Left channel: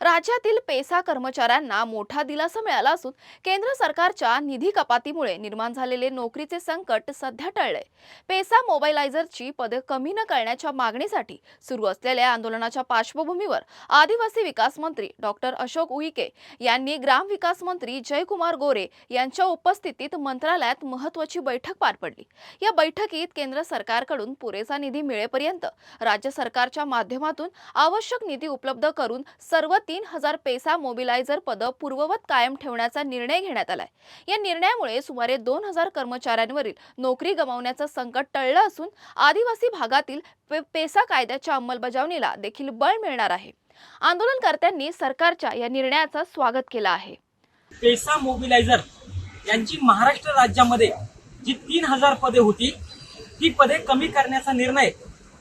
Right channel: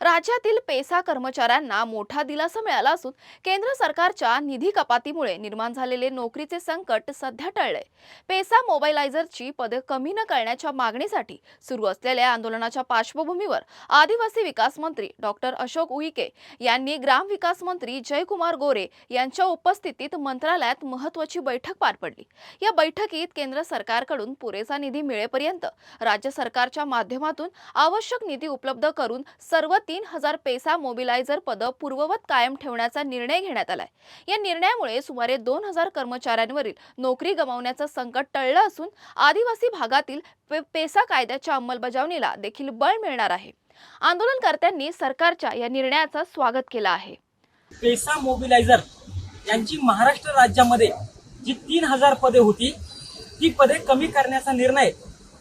राज्यातील पेसा कर्मचाऱ्यांना मोठा दिलासा मिळाला असून केंद्र सरकारच्या निधी कपातीमुळे निर्माण झालेले नोकरीचे संकट सध्या टळले। पेसा मोबाईलायझरची पदे कमी न करण्याच्या मागणीसाठी सुरू असलेल्या आंदोलनाच्या पार्श्वभूमीवर आदिवासी विकास मंत्री डॉक्टर अशोक उईके यांनी ग्रामविकास मंत्री जयकुमार गोरे यांच्या उपस्थितीत मंत्रालयात महत्त्वाची बैठक पार पडली। या बैठकीत केंद्र सरकारकडून पुरेसा निधी मिळेपर्यंत राज्य सरकारच्या माध्यमातून आवश्यक निधी उपलब्ध करून सर्व 3000 पेसा मोबिलायझर पद पूर्ववत कायम ठेवण्याचा निर्णय घेण्यात आलाय। या निर्णयामुळे सुमारे 2000 कर्मचाऱ्यांवरील नोकरी गमावण्याचं संकट टळलं असून आदिवासी भागातील पेसा कायद्याच्या अंमलबजावणीला देखील बळ मिळणार आहे। आंदोलनकर्त्यांनी सरकारच्या या निर्णयाचं स्वागत केलं आहे। पेसा मोबिलायझर यांची महाराष्ट्र राज्यामध्ये जी 3000 पदे होती ती पदे कमी करण्याचा निर्णय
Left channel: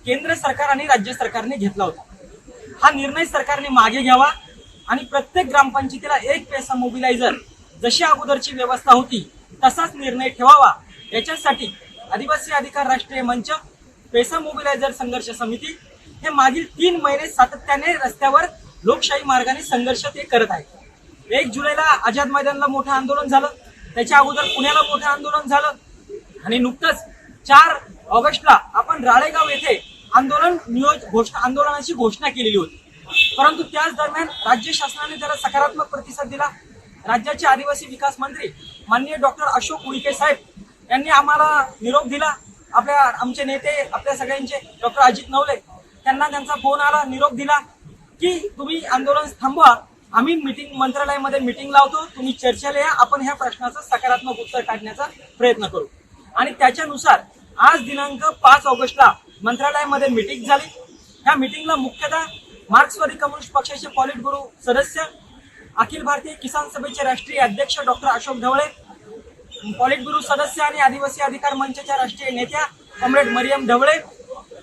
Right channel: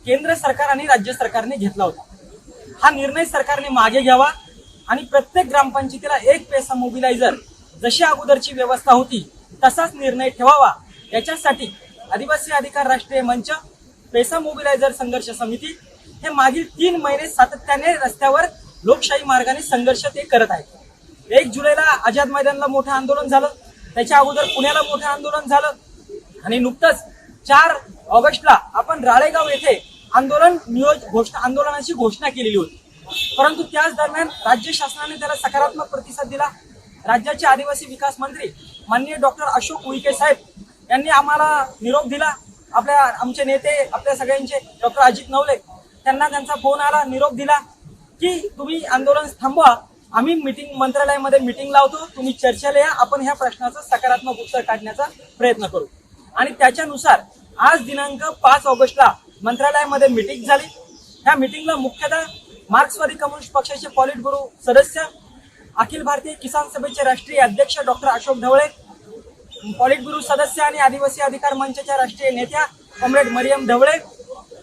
केंद्र सरकार आणि राज्य सरकारने घेतला होता। हा निर्णय सरकारने मागे घ्यावा आणि प्रत्येक ग्रामपंचायतीला एक पेसा मोबिलायझर जशी अगोदरची व्यवस्था होती तसाच निर्णय ठेवावा। याच्यासाठी आदिवासी अधिकार राष्ट्रीय मंच, पेसा मोबिलायझर संघर्ष समिती हे मागील 3 महिने सातत्याने रस्त्यावर लोकशाही मार्गाने संघर्ष ते करत आहेत। 1 जुलैला आझाद मैदानला मोठं आंदोलन झालं, त्याच्या अगोदर पुण्याला मोठं आंदोलन झालं आणि नुकतंच 4 ऑगस्टला आपण राळेगाव येथे आंदोलनाची घोषणा केलेली होती। परंतु त्याच दरम्यान राज्य शासनाने त्याला सकारात्मक प्रतिसाद दिला। राज्याचे आदिवासी विकास मंत्री माननीय डॉक्टर अशोक उईके साहेब यांनी आम्हाला निरोप दिला। आमचे नेते आपल्या सगळ्यांचे डॉक्टर अजित नवले त्यांना त्यांचा फोन आला, निरोप दिला की तुम्ही आंदोलन थांबवा, आम्ही मंत्रालयामध्ये मीटिंग लावतो, तुम्ही चर्चेला या, आपण ह्या प्रश्नाचं सकारात्मक उत्तर काढण्याचा प्रयत्न करू। आणि त्याच्यानुसार आज दिनांक 5 ऑगस्टला मंत्रालयामध्ये मीटिंग झाली। ह्या मीटिंगला मुख्यतः मार्क्सवादी कम्युनिस्ट पक्षाचे पॉलिट ब्युरो सदस्य, अखिल भारतीय किसान सभेचे राष्ट्रीय अध्यक्ष डॉक्टर अशोक ढवळे, पॉलिट ब्युरो सदस्य आणि आदिवासी अधिकार मंचाच्या राष्ट्रीय नेत्या कॉम्रेड मरियम ढवळे,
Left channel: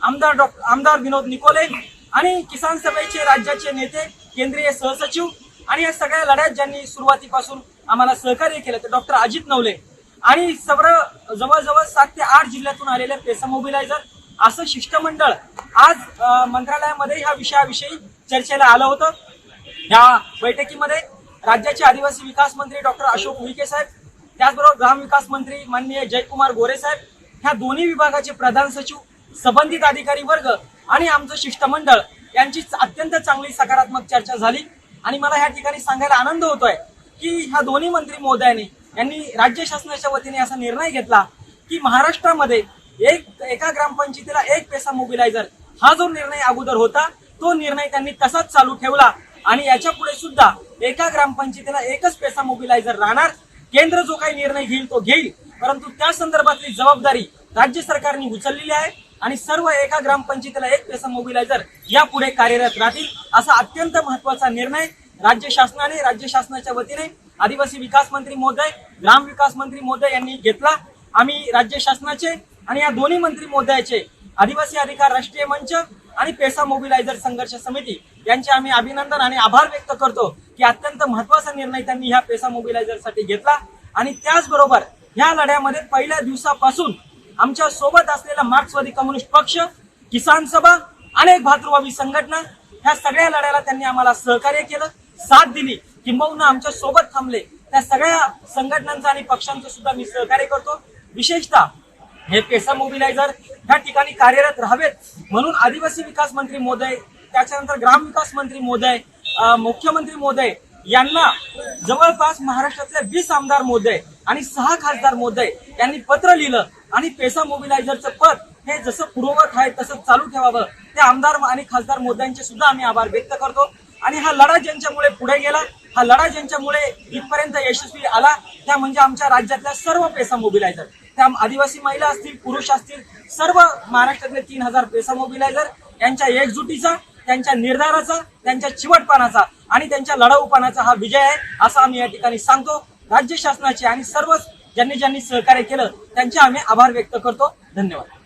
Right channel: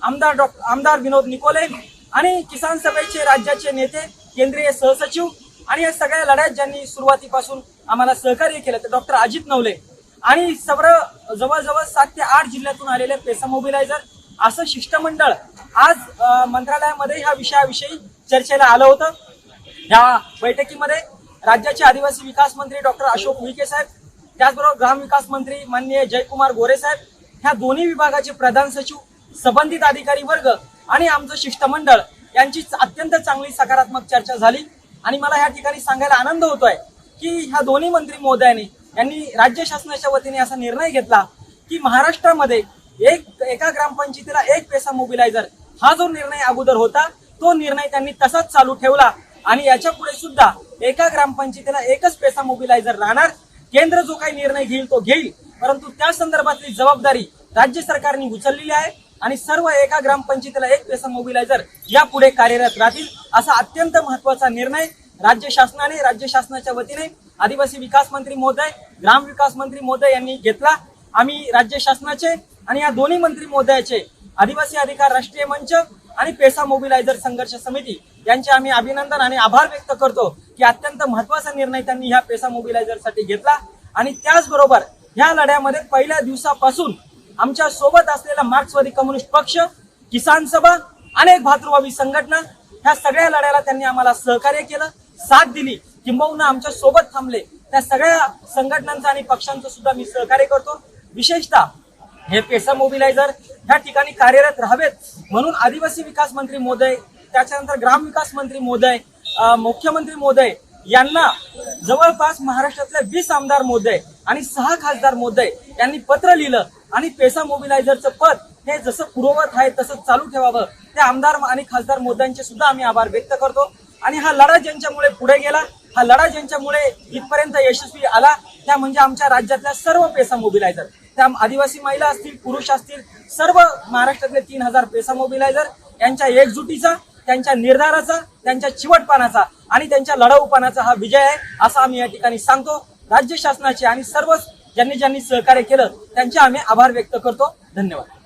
आमदार विनोद निकोले आणि किसान सभेचे राज्याचे नेते, केंद्रीय सहसचिव आणि या सगळ्या लढ्यात ज्यांनी सुरुवातीपासून आम्हाला सहकार्य केलं ते डॉक्टर अजित नवले आणि जवळजवळ 7 ते 8 जिल्ह्यातून आलेले पेसा मोबिलायझर असं शिष्टमंडळ आज मंत्रालयामध्ये ह्या विषयाविषयी चर्चेला आलं होतं। या बैठकीमध्ये राज्याचे आदिवासी विकास मंत्री डॉक्टर अशोक उईके साहेब, त्याचबरोबर ग्रामविकास मंत्री माननीय जयकुमार गोरे साहेब, ह्या दोन्ही विभागाचे प्रधान सचिव, संबंधित अधिकारी वर्ग आणि आमचं शिष्टमंडळ यांची अत्यंत चांगली सकारात्मक चर्चा झाली। आणि मला या ठिकाणी सांगायला आनंद होतोय की ह्या दोन्ही मंत्री महोदयांनी यांनी राज्य शासनाच्या वतीने असा निर्णय घेतला की महाराष्ट्रामध्ये एका ग्रामपंचायतीला एक पेसा मोबिलायझर हा जो निर्णय अगोदर होता तो निर्णय त्यांनी तसाच चालू ठेवला आणि याच्या पुढे सुद्धा एका ग्रामपंचायतीला एकच पेसा मोबिलायझर राहणार। केंद्र जो काही निर्णय घेईल तो घेईल, परंतु त्या संदर्भातली जबाबदारी राज्य सरकारने उचललेली आहे आणि सर्व एका ग्रामपंचायतीला एक पेसा मोबिलायझर यापुढे कार्यरत राहतील असा अत्यंत महत्त्वाचा निर्णय राज्य शासनाच्या वतीने आदिवासी विकास मंत्री महोदय, ग्राम विकास मंत्री महोदय यांनी घेतला। आम्ही राज्य शासनाचे आणि या दोन्ही मंत्री महोदयाचे, आदिवासी अधिकार राष्ट्रीय मंच आणि पेसा मोबिलायझर संघर्ष समिती यांचे आम्ही अभिनंदन आणि आभार व्यक्त करतो की अत्यंत महत्त्वाचा निर्णय त्यांनी ह्या पेसा मोबिलायझर साठी घेतला। आणि त्याचबरोबर ह्या लढ्यामध्ये पहिल्या दिवसापासून आमच्या सोबत असलेला मार्क्सवादी कम्युनिस्ट पक्ष, किसान सभा, अनेक भातृभावी संघटना ह्या सगळ्या लढ्याला त्यांनी आम्हाला सहकार्य केलं, साथ दिली, किंबहुना आमच्या सोबत थांबले। त्या सगळ्या संघटनांचं आणि पक्षांचं सुद्धा मी सहकार्य करतो। विशेषतः हे पेसा मोबिलायझर ह्या ठिकाणी कार्यरत राहावेत म्हणून आदिवासी विकास मंत्री महोदय, त्याच्यानंतर ग्राम विकास मंत्री महोदय, मुख्यमंत्री महोदय यांना जवळपास महाराष्ट्रातल्या 20 आमदार महोदय आणि 6 खासदार महोदय यांनी पत्र लिहिलं आणि पेसा मोबिलायझरचं पद हे जसं पूर्ववत आहे तसं चालू ठेवावं। त्या आमदार आणि खासदार महोदयांचे सुद्धा आम्ही आभार व्यक्त करतो। आणि हा लढा ज्यांच्यामुळे पुढे गेला, हा लढा ज्यांच्यामुळे इथपर्यंत यशस्वी आला त्या म्हणजे आमच्या राज्यातल्या सर्व पेसा मोबिलायझर, त्या आदिवासी महिला असतील, पुरुष असतील, सर्व महाराष्ट्रातले 3000 पेसा मोबिलायझर यांच्या एकजुटीचा, त्यांच्या निर्धाराचा, त्यांच्या चिवटपणाचा आणि त्यांच्या लढाऊपणाचा हा विजय आहे असं आम्ही या ठिकाणी सांगतो। राज्य शासनाचे आणि सर्व ज्यांनी सहकार्य केलं त्यांचे आम्ही आभार व्यक्त करतो। धन्यवाद।